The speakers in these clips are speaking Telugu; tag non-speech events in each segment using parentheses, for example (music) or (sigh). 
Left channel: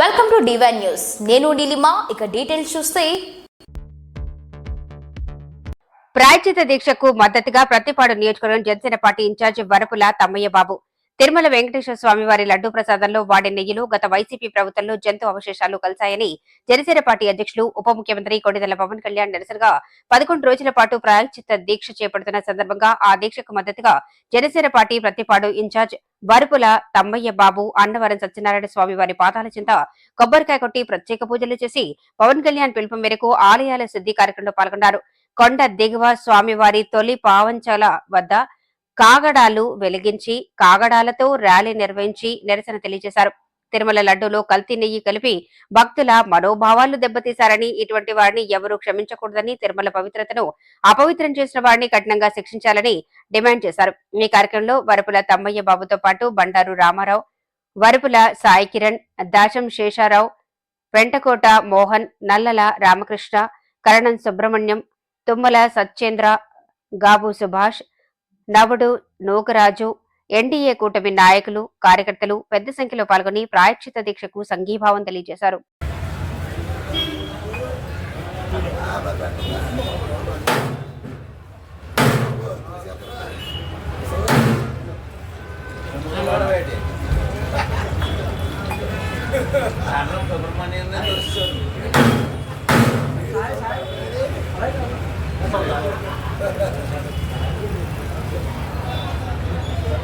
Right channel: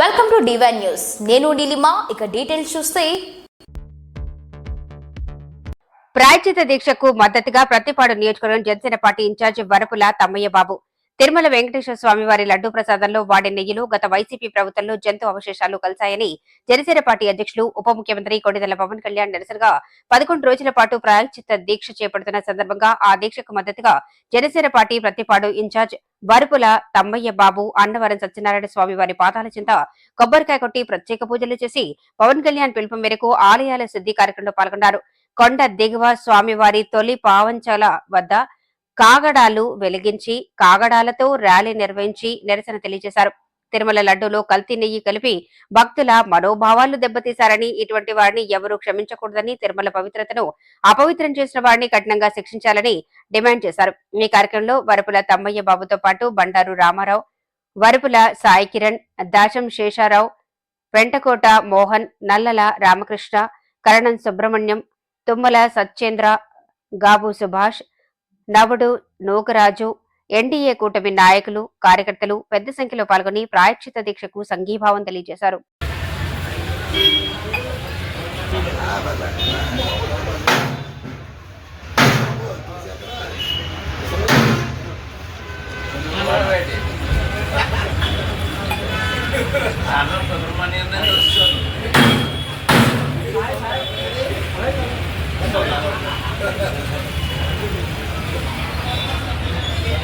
వెల్కమ్ టు డివైన్ న్యూస్ నేను నీలిమా ఇక డీటెయిల్స్ చూస్తే. ప్రాయచిత దీక్షకు మద్దతుగా ప్రతిపాడు నియోజకవర్గం జనసేన పార్టీ ఇన్ఛార్జి వరపుల తమ్మయ్య బాబు. తిరుమల వెంకటేశ్వర స్వామి వారి లడ్డూ ప్రసాదంలో వాడే నెయ్యిలో గత వైసీపీ ప్రభుత్వంలో జంతు అవశేషాలు కలిశాయని జనసేన పార్టీ అధ్యక్షులు ఉప ముఖ్యమంత్రి కొడిదెల పవన్ కళ్యాణ్ నిరసనగా పదకొండు రోజుల పాటు ప్రాయచిత దీక్ష చేపడుతున్న సందర్భంగా ఆ దీక్షకు మద్దతుగా జనసేన పార్టీ ప్రతిపాడు ఇన్ఛార్జ్ బరుపుల తమ్మయ్య బాబు అన్నవరం సత్యనారాయణ స్వామి వారి పాదాల చింత కొబ్బరికాయ కొట్టి ప్రత్యేక పూజలు చేసి పవన్ కళ్యాణ్ పిలుపు మేరకు ఆలయాల శుద్ధి కార్యక్రమంలో పాల్గొన్నారు. కొండ దిగువ స్వామివారి తొలి పావంచాల వద్ద కాగడాలు వెలిగించి కాగడాలతో ర్యాలీ నిర్వహించి నిరసన తెలియజేశారు. తిరుమల లడ్డూలో కల్తీ నెయ్యి కలిపి భక్తుల మనోభావాలు దెబ్బతీశారని ఇటువంటి వారిని ఎవరూ క్షమించకూడదని తిరుమల పవిత్రతను అపవిత్రం చేసిన వారిని కఠినంగా శిక్షించాలని డిమాండ్ చేశారు. ఈ కార్యక్రమంలో వరపుల తమ్మయ్య బాబుతో పాటు బండారు రామారావు వరపుల సాయి కిరణ్ దాశం శేషారావు వెంటకోట మోహన్ నల్లల రామకృష్ణ కరణం సుబ్రహ్మణ్యం తుమ్మల సత్యేంద్ర గాబు సుభాష్ నవుడు నూకరాజు ఎన్డీఏ కూటమి నాయకులు కార్యకర్తలు పెద్ద సంఖ్యలో పాల్గొని ప్రాయశ్చిత దీక్షకు సంఘీభావం తెలియజేశారు. (laughs) (laughs) (laughs)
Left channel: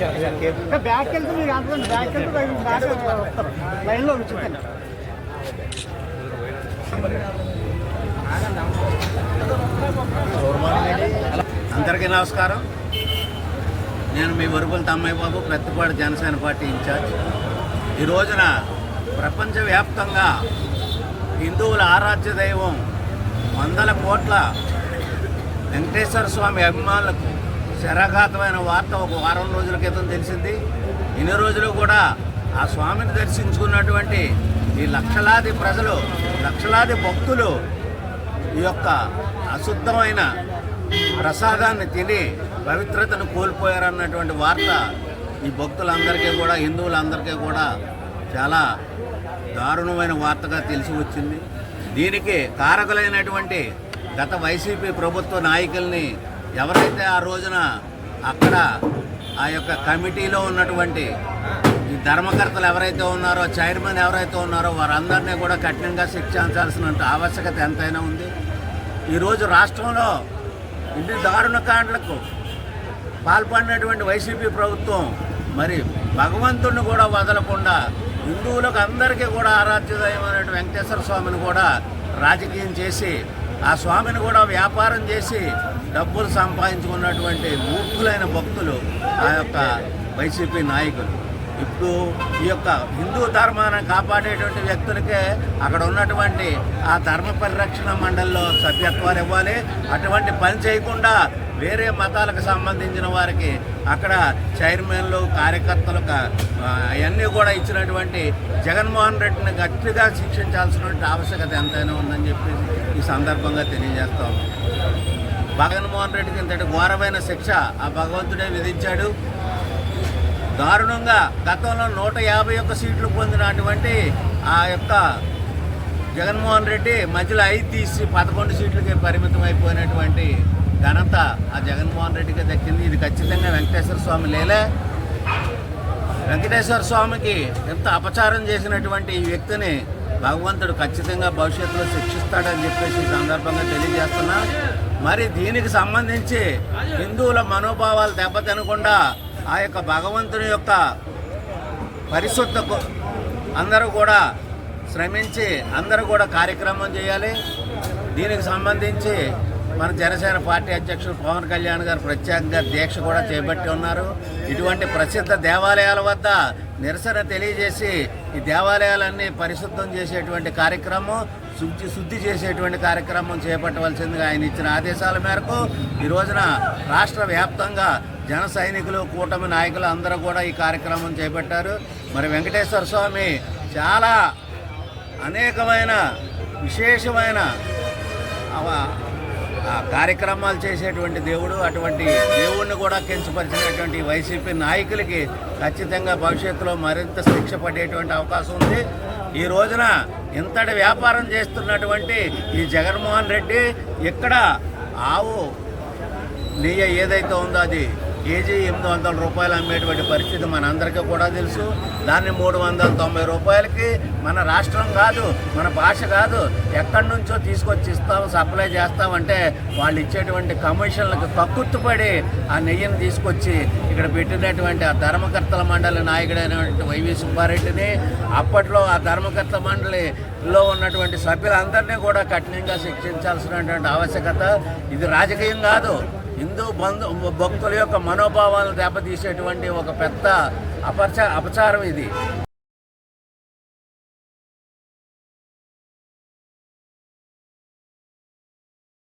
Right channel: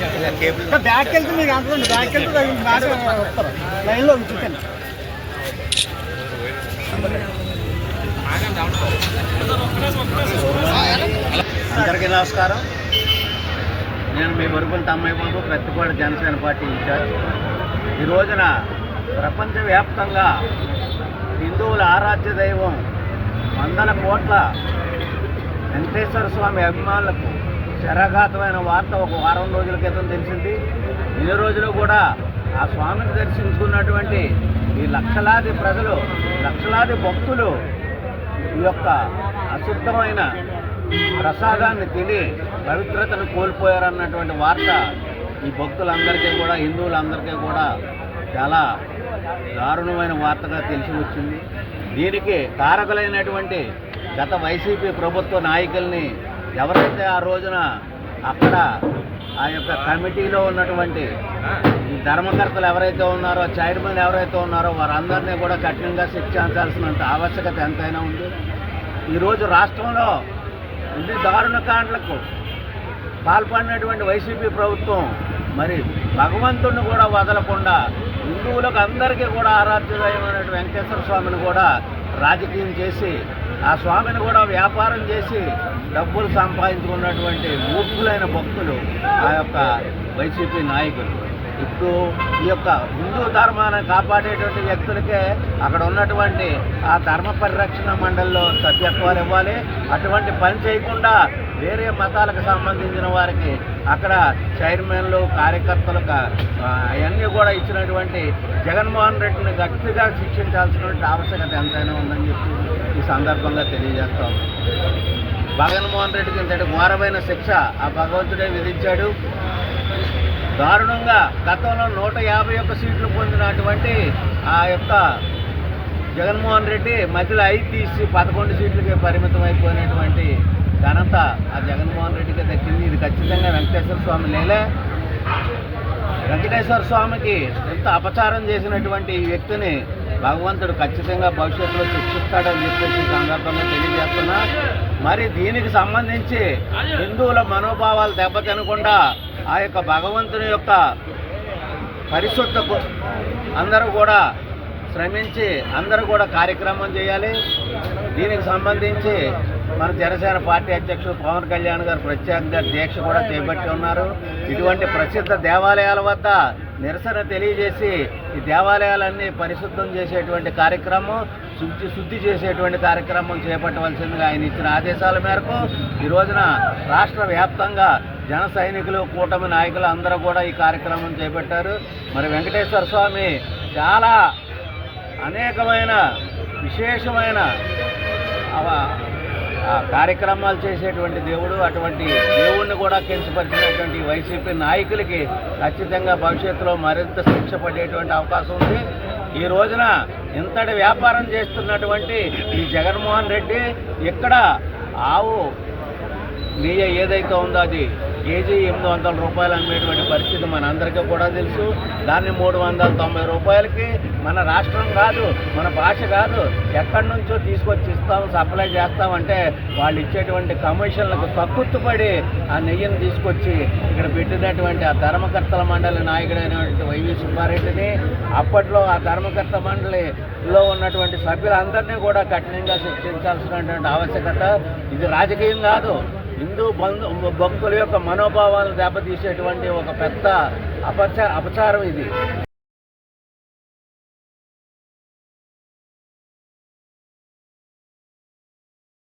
బ్యాక్ వెళ్తే మీరు అనుకోండి బ్యాక్ వెళ్తే లైన్లో ఉంచుతాను అందరికీ నమస్కారం. నేను మీ వరుగుల తమ్మయ్య బాబు పెద్దపాటి జనసేన పార్టీ ఇన్ఛార్జ్. ఈ రోజున ప్రపంచవ్యాప్తంగా హిందువుల ఆరాధ్య దైవం వందల కోట్ల వెంకటేశ్వర స్వామి అభిమానులకు శరాఘాతమైన వార్త ఒక వారం రోజుల క్రితం తెలిసింది. ఇన్ని రోజులు కూడా ఆ స్వామిని దర్శించుకున్నటువంటి ఈ లక్షలాది ప్రజలు లక్షలాది భక్తులు ఈ యొక్క అశుద్ధమైన ప్రసాదాన్ని తిని పవిత్రతను కోల్పోయారన్నటువంటి వార్త ఈ భక్తులందరికీ కూడా హిందువులందరికీ కూడా చాలా దారుణమైన వార్తగా తెలిసి వచ్చింది. దీనికి కారకులైనటువంటి గత వైసీపీ ప్రభుత్వ నాయకుల్ని ఎవరైతే ఆ రోజున అక్కడ ఆ యొక్క కమిటీలో ఉన్నటువంటి ఈ ధర్మకర్తలు ఎవరైతే ఉన్నారో చైర్మన్ ఎవరైతే ఉన్నారో వారందరినీ కూడా కఠినంగా శిక్షించాల్సినంత ఆవశ్యకత ఎంతైనా ఉంది. ఈరోజు రాష్ట్రంలో ఇన్ని దారుణ కాండలకు పాల్పడినటువంటి వైసీపీ ప్రభుత్వం మరి భగవంతుడిని కూడా వదలకుండా హిందువులకు అందరికీ కూడా ఆరాధ్యదైనటువంటి వెంకటేశ్వర స్వామిని కూడా రాజకీయం చేసి ఆ స్వామిని కూడా వ్యాపారం చేసి డబ్బులు సంపాదించుకున్నటువంటి మూర్ఖులైన భక్తులు ఆ యొక్క వైసీపీ నాయకులు. ఇప్పుడు ఈ యొక్క హిందూ ధర్మాన్ని కాపాడేటువంటి వ్యక్తులకే అక్కడ ఉన్నటువంటి ఆ ధర్మ పరిరక్షణ మండలిలో సభ్యత్వాలు ఇవ్వాలి. అటువంటి పని చేయకుండా వేరే మతాలకు సంబంధించిన వారికి అక్కడ చైర్మన్లు కార్యకర్తలకు అవన్నీ కూడా ఇచ్చినటువంటి జగన్మోహన్ రెడ్డిని గట్టిగా శిక్షించాల్సినటువంటి ఆవశ్యకత ఎంతైనా ఉందని చెప్పి ఈ సందర్భంగా తెలియజేస్తాం జగన్మోహన్ రెడ్డికి ఇంతటి ఘోరమైన శిక్ష ఆ భగవంతుడే విధించాడు. దారుణంగా గతంలో నూట యాభై ఒక్క సీట్లు పొందినటువంటి ఆ యొక్క జగన్మోహన్ రెడ్డి మధ్యలో ఐదు తీసి పదకొండు సీట్లకి పరిమితం అయిపోయినటువంటి ఘనత ఆ జగన్మోహన్ రెడ్డికి దక్కింది ఇది ఖచ్చితంగా వెంకటేశ్వర స్వామి లేలే. వెంకటేశ్వర స్వామికి ఎంత అపచారం చేసినటువంటి ఈ వ్యక్తిని భగవంతుడు ఖచ్చితంగా భవిష్యత్తులో శిక్షిస్తాడని చెప్పేసి ఈ సందర్భంగా తెలియజేస్తున్నా. మరి దీనికి సంబంధించి హిందువుల మనోభావాలు దెబ్బతినకుండా ఆ యొక్క భగవంతుని యొక్క పరిశుద్ధకు అందరూ కూడా శ్రమించి అందరూ కూడా కార్యక్రమం చేయాలి. దీనికి సంబంధించి మన జనసేన పార్టీ అధ్యక్షుడు పవన్ కళ్యాణ్ గారు ప్రత్యేకంగా దీక్ష కూడా చేపట్టి ఉన్నారు. ఇటువంటి ప్రసిద్ధ దేవాలయాల వద్ద నిరసన తెలియజేసి ఈ దేవాలయాలన్నీ పరిశుద్ధం చేసేటువంటి కార్యక్రమం శుద్ధి శుద్ధి చేసేటువంటి కార్యక్రమం చేపట్టవలసిందిగా ఆయన ఇచ్చిన ఆదేశాల మేరకు ఈ రోజున రాష్ట్ర వ్యాప్తంగా జన సైనికులు కూటమి నాయకులు అందరూ కూడా ఈ కార్యక్రమం చేపట్టారు. మరి వెంకటేశ్వర స్వామి చాలా అనేకమైన విశేషమైన అవ- కార్యక్రమాలు చేసేటువంటి దేవుడు అటువంటి దేవుణ్ణి కూడా కించపరిచినటువంటి వైసీపీ నాయకులకి ఖచ్చితంగా భవిష్యత్తులో మరింత శిక్ష పడేటువంటి అవకాశం ఉంది. ఈ రోజున ఇంతటి వ్యాపారం చేస్తున్నటువంటి ఈ జగన్మోహన్ రెడ్డి ఇక్కడ ఆవు నెయ్యి ఏదైతే ఉందో అది కేజీ ఎనిమిది వందల రూపాయలు అమ్మేటువంటి పరిస్థితి మనందరికీ కూడా తెలుసు. దాన్ని మూడు వందల తొంభై రూపాయలకి మన రాష్ట్రం కాదు మన భాష కాదు ఎక్కడి నుంచో తీసుకొచ్చి ఇస్తాం సప్లై చేస్తామంటే వాళ్ళు ఇచ్చేటువంటి కమిషన్లకు కక్కుత్తుపడి ఆ నెయ్యిని తీసుకొచ్చి ఇక్కడ పెట్టినటువంటి ఆ ధర్మకర్తల మండలి నాయకుడైనటువంటి వైవి సుబ్బారెడ్డిని అప్పట్లో ఆ ధర్మకర్త మండలిలో ఉన్నటువంటి సభ్యులందరినీ కూడా కఠినంగా శిక్షించాల్సినటువంటి ఆవశ్యకత ఇది రాజకీయం కాదు. హిందూ బంధు భక్తుల యొక్క మనోభావాలను దెబ్బతీసేటువంటి ఒక పెద్ద అపచ అపచారం ఇది.